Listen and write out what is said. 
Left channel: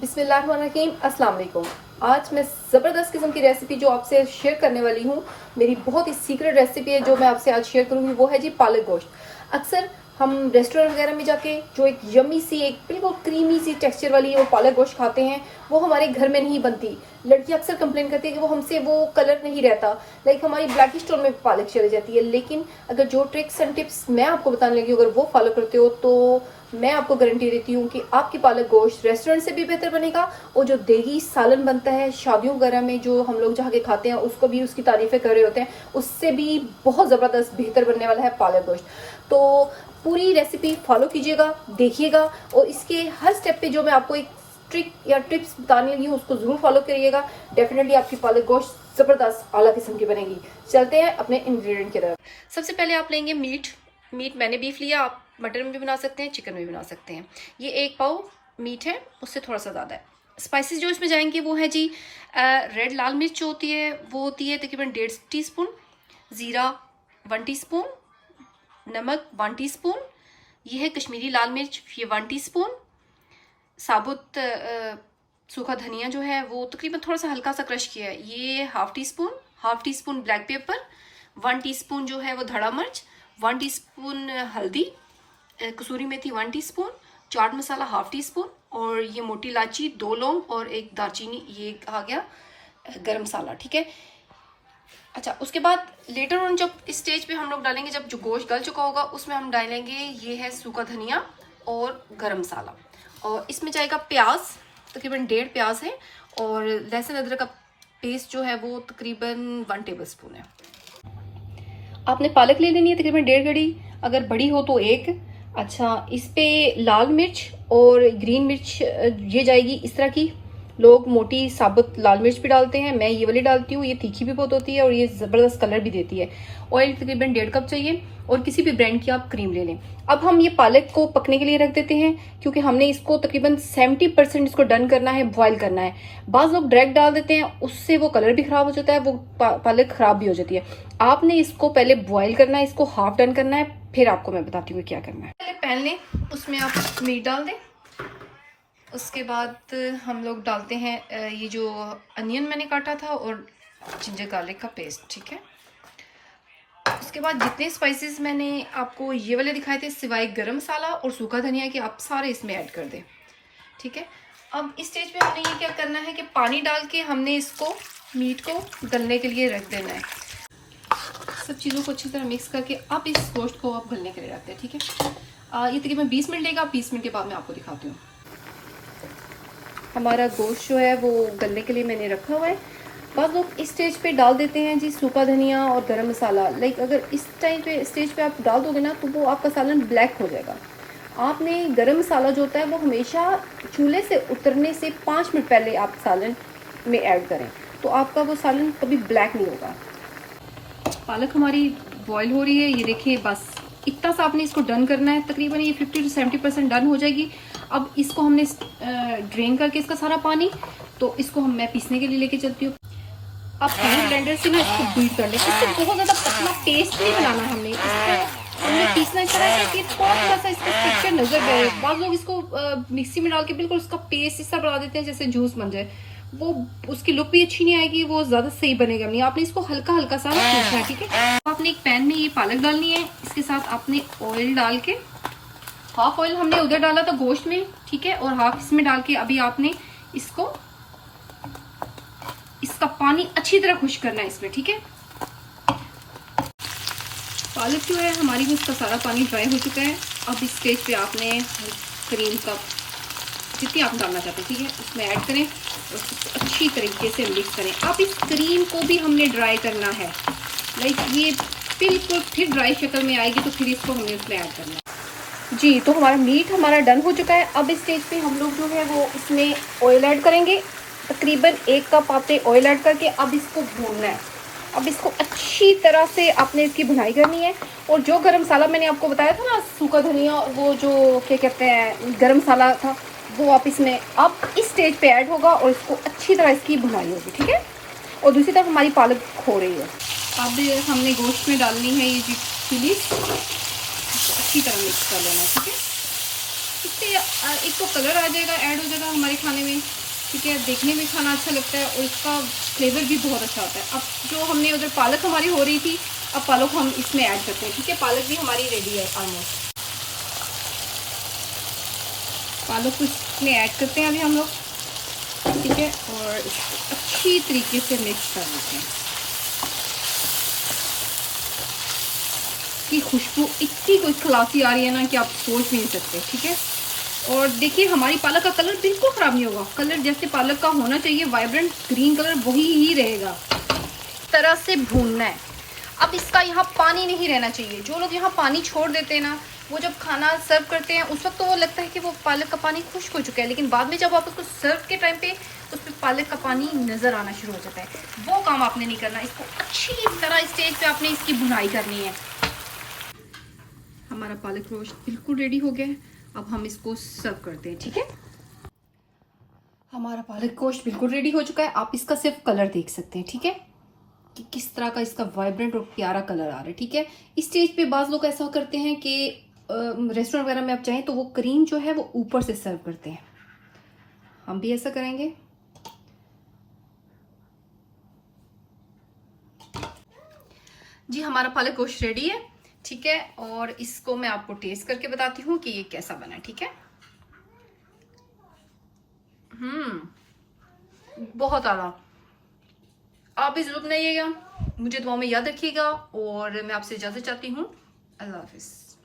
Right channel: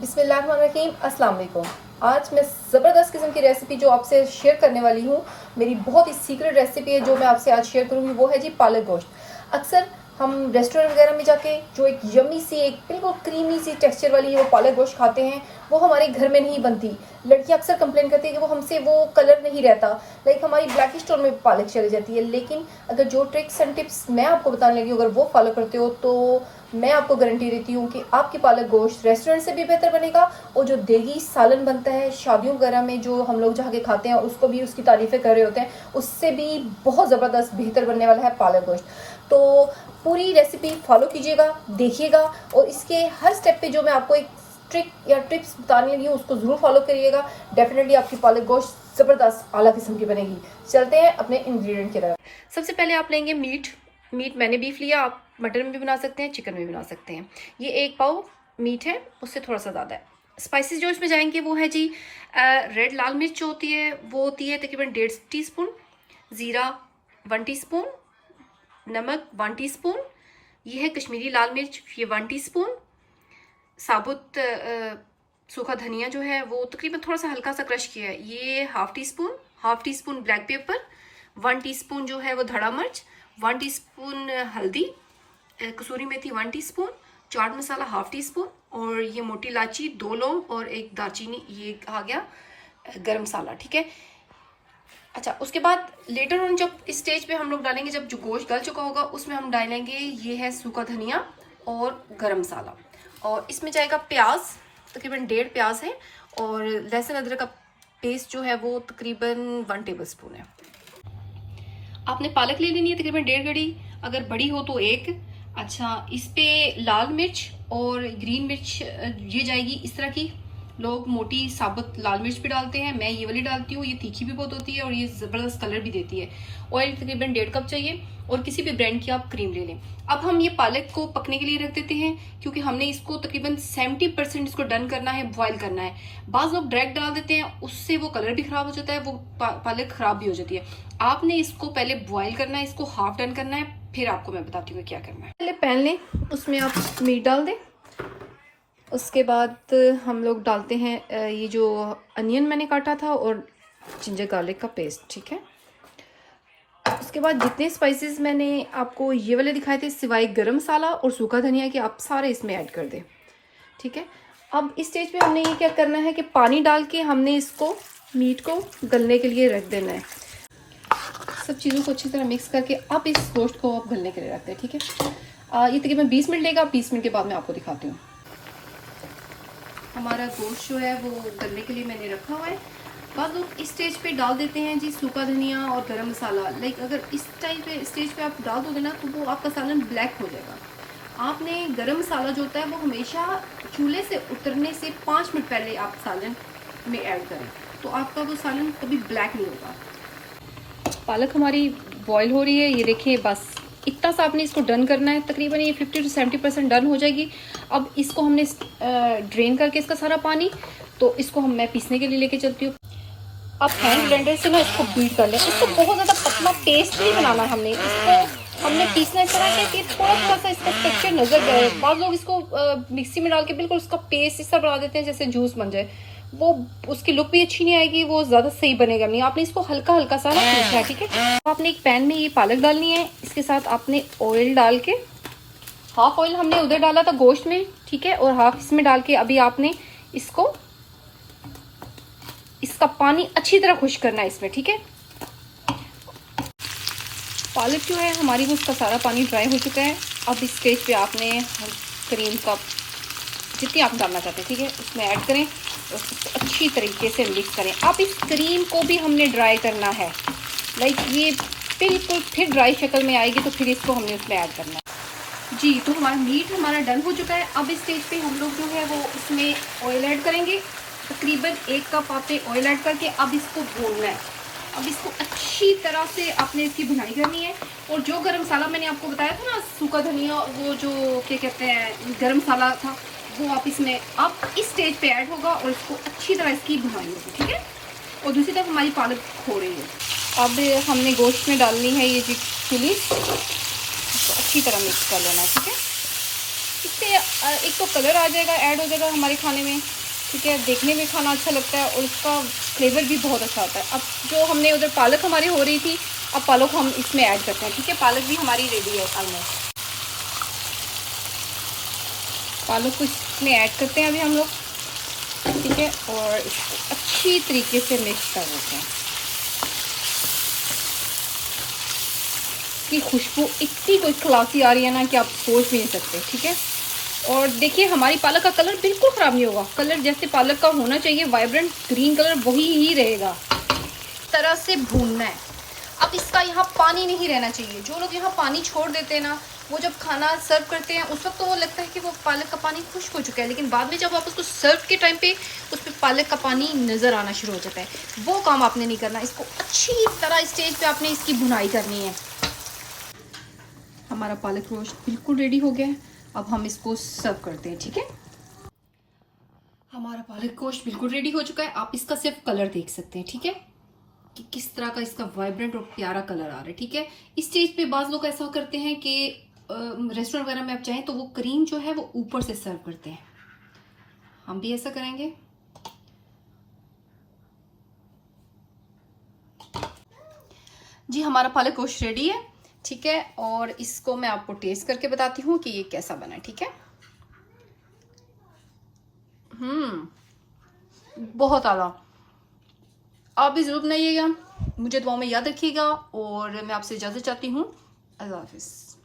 बिस्मिल्लाहिर्रहमानिर्रहीम, अस्सलाम वालेकुम। आज मैं ज़बरदस्त किस्म की रेसिपी जो आपसे शेयर करने वाली हूँ, मेरी बहुत ही सीक्रेट रेसिपी है जो मैं आपसे आज शेयर करूँगी, वो है जी पालक गोश्त। अक्सर हम रेस्टोरेंट वगैरह में जाके जो एक यमी सी, एक बिल्कुल क्रीमी सी टेक्सचर वाली वो पालक गोश्त खाते हैं, वो हमारे घर में नहीं बनती। लड़कियां अक्सर कंप्लेन करती है कि वो हमसे वो कलर नहीं रहता, लाइक हमारी ब्लैकिश टोन में पालक चली जाती है। लेकिन अगर जो ट्रिक्स एंड टिप्स मैं आपको बताने लगी, अगर वो फॉलो करते हो तो मैं आपको गारंटी देती हूँ कि आपकी पालक गोश्त रेस्टोरेंट से भी बेहतर बनेगा, और जो देगी सालन बनता है शादियों वगैरह में जो हम लोग जहाँ के खाते हैं उसको भी उसकी तारीफ़ें कर रहे होते हैं, उससे भी बहुत ज़बरदस्त बेहतर बनने वाला है पालक गोश्त। तो पूरी रेसिपी फॉलो कीजिएगा, देखिएगा, और इसके हर स्टेप पे जो मैं आपको एक ट्रिक या टिप्स बताने लगी हूँ उसको ज़रूर फॉलो करिएगा। डेफिनेटली आपकी पालक गोश्त ज़बरदस्त आला किस्म की बनेगी। चलते हैं अपने इंग्रेडिएंट की तरफ। सबसे पहले आप लेंगे मीट मैंने बीफ लिया, आप मटन में भी बना सकते हैं, चिकन में भी बना सकते हैं। ये 1 पाव मीट है, उससे थोड़ा सा ज़्यादा है। स्पाइसेस जो इसमें जाएंगे वो है जी रेड लाल मिर्च जो होती है वो होती है तकरीबन 1.5 टीस्पून, ज़ीरा 1 टीस्पून, नमक 1 टीस्पून, ये है कश्मीरी लाल मिर्च ये 1 टीस्पून, साबुत सूखा धनिया जो है वो तकरीबन थोड़ा सा हल्का सा क्रश किया है ये half tea spoon black pepper, 1 teaspoon जो है वो धड़ा मिर्च, 1 टीस्पून हल्दी, कसूरी मेथी 1 teaspoon, chaat masala half tea spoon, और ये मोटी इलायची 2 लौंग और 1 दालचीनी, ये आ गया गरम मसाला। ठीक है। अच्छा, उसके बाद लेटर ऑन जब इस स्टेज पे हम लोग डालेंगे, जब जो गोश्त गल चुका होगा उसमें हम डालेंगे ये है सूखा धनिया और गरम मसाला, और इसमें जाएगा प्याज, तकरीबन 1.5 प्याज है, और लहसुन अदरक का पेस्ट जो है वो तकरीबन 1 टेबल स्पून है। आपने पालक ले लेनी है तकरीबन 1.5 कड़ी, अगर बड़ी हो तो 1। अच्छा, इस पे लाल मिर्च और ग्रीन मिर्च ये जाएगी इस तरह की। लोग मोटी साबुत लाल मिर्च भी डालते हैं, मैं ये वाली डालती हूँ, ये तीखी भी बहुत होती है और ये ज़बरदस्त कलर भी देती है। ऑयल तकरीबन 1.5 कप चाहिए, और किसी भी ब्रांड की आप क्रीम ले लें। अब हम ये पालक को पकने के लिए रख देते हैं, क्योंकि हमने इसको तकरीबन 70% इसको डन करना है, बॉयल करना है। बाज़ लोग डायरेक्ट डाल देते हैं, उससे वो कलर भी खराब हो जाता है, वो पालक खराब भी हो जाती है। आपने इसको पहले बॉयल करना है, इसको हाफ डन करना है, फिर आपको मैं बताती हूँ क्या करना है। पहले पैन लें, उसमें आप मीट डाल दें। उसके बाद हम लोग डालते हैं ये जो अनियन मैंने काटा था और जिंजर गार्लिक का पेस्ट। ठीक है। उसके बाद जितने स्पाइसेस मैंने आपको ये वाले दिखाए थे सिवाय गरम मसाला और सूखा धनिया के, आप सारे इसमें ऐड कर दें। ठीक है। अब इस स्टेज पे हमने ये क्या करना है कि पानी डाल के हमने इसको मीट को गलने के लिए रख देना है। सब चीज़ों को अच्छी तरह मिक्स करके अब इस गोश्त को आप गलने के लिए रखते हैं। ठीक है। ये तकरीबन 20 मिनट लेगा, 20 मिनट के बाद मैं आपको दिखाती हूँ। हमारा गोश्त जो है वो गलने के लिए मैंने रखा हुआ है। बाद लोग इस स्टेज पे डाल देते हैं जी सूखा धनिया और गरम मसाला। लाइक अगर इस टाइम पे स्टेज पे आप डाल दोगे ना तो वो आपका सालन ब्लैक हो जाएगा। आपने गरम मसाला जो होता है वो हमेशा चूल्हे से उतरने से 5 मिनट पहले आप सालन में ऐड करें, तो आपका वो सालन कभी ब्लैक नहीं होगा। पालक हमारी बॉयल हो रही है, ये देखिए, बस इतना सा आपने इसको डन करना है। तकरीबन ये 50 से 70% डन हो जाएगी। अब इसको हमने ड्रेन करके इसका सारा पानी, तो इसको मैं पीसने के लिए लेके चलती हूँ। अब हैंड ब्लेंडर से ना इसको बीट कर लें। इसको बहुत ज़्यादा पतला पेस्ट नहीं बनाना, हमने पीसना इस तरह है कि थोड़ा सा इसका टेक्सचर नजर आए। बहुत लोग इसको मिक्सी में डाल के बिल्कुल उसका पेस्ट इस तरह बना देते हैं जैसे जूस बन जाए, वो उसकी लुक भी अच्छी नहीं आएगी, वो ज़्यादा सही बनेगा नहीं। आपने इसको हल्का हल्का सा पीसना है। ठीक है। आपने एक पैन में ये पालक डालनी है, इसके साथ आपने ऑयल डाल के, हाफ ऑयल हमने उधर डाला था गोश्त में, ठीक है, और हाफ इसमें डाल के अभी आपने इसका पानी अच्छी तरह खुश करना है इसमें। ठीक है। पालक जो है हमारी, उसका सारा पानी ड्राई हो चुका है। अब इस स्टेज पे आपने क्रीम का जितनी आप डालना चाहते हैं, ठीक है, उसमें ऐड करें और अच्छी तरीके से मिक्स करें। अब इस क्रीम को भी हमने ड्राई करना है, लाइक ये बिल्कुल फिर ड्राई शक्ल में आएगी, तो फिर इसको हमने उसमें ऐड करना है जी। तो हमारा डन हो चुका है। अब इस स्टेज पे हम लोग जो है वो उसमें ऑयल ऐड करेंगे। तकरीबन 1 कप आपने ऑयल ऐड करके अब इसको भूनना है। अब इसको अच्छी तरह से आपने इसकी भुनाई करनी है। और जो गरम मसाला मैंने आपको बताया था ना, सूखा धनिया, वो जो क्या कहते हैं गरम मसाला था, वो आप इसमें अब इस स्टेज पे ऐड होगा और इसको अच्छी तरह इसकी भुनाई होगी। ठीक है। और दूसरी तरफ हमारी पालक हो रही है। अब हमने गोश्त में डालनी है ये जी चिली, अच्छी तरह मिक्स कर लेना है। ठीक है। इससे एक तो कलर आ जाएगा, ऐड हो जाएगा हमारे खाने में, ठीक है, देखने में खाना अच्छा लगता है और इसका फ्लेवर भी बहुत अच्छा आता है। अब जो हमने उधर पालक हमारी हो रही थी, अब पालक हम इसमें ऐड करते हैं, ठीक है। पालक भी हमारी रेडी है ऑलमोस्ट। पालक को इसमें ऐड करते हैं अभी हम लोग, ठीक है, और इसको अच्छी तरीके से मिक्स कर देते हैं। की खुशबू इतनी कोई खलासी आ रही है ना कि आप सोच भी नहीं सकते, ठीक है। और देखिए हमारी पालक का कलर बिल्कुल ख़राब नहीं होगा, कलर जैसे पालक का होना चाहिए वाइब्रेंट ग्रीन कलर वही ही रहेगा। इस तरह से भूनना है। अब इसका यहाँ पानी नहीं रहना चाहिए। जो लोग यहाँ पानी छोड़ देते हैं ना, वो जब खाना सर्व करते हैं उस वक्त तो वो लगता है कि वो पालक का पानी खुश्क हो चुका है, लेकिन बाद में जब आप उसको सर्व के टाइम पे उसमें पालक का पानी नज़र आना शुरू हो जाता है। वो काम आपने नहीं करना। इसको अच्छी तरह स्टेज पे आपने इसकी भुनाई करनी है। हमारा पालक रोस्ट बिल्कुल रेडी हो गया है। अब हम इसको सर्व करते हैं, ठीक है। हमारा पालक गोश्त बिल्कुल रेडी हो चुका है। आप इसका सिर्फ कलर देख सकते हैं, ठीक है, कि किस तरह का इसका वाइब्रेंट और प्यारा कलर आ रहा है, ठीक है। इस स्टेज पे बाज़ लोग ऐसा करते हैं कि रेस्टोरेंट वगैरह में आप चाहें तो वो क्रीम जो है वो ऊपर से सर्व करते हैं। हम भी ऐसा करेंगे। जी हमारा पालक गोश्त रेडी है, ठीक है, और इसको मैं आपको टेस्ट करके बताती हूँ कि ये कैसा बना है, ठीक है। बहुत आला। आप भी जरूर बनाइएगा, मुझे दुआओं में याद रखिएगा और मैं आपसे इजाज़त चाहती हूँ। अल्लाह हाफिज़।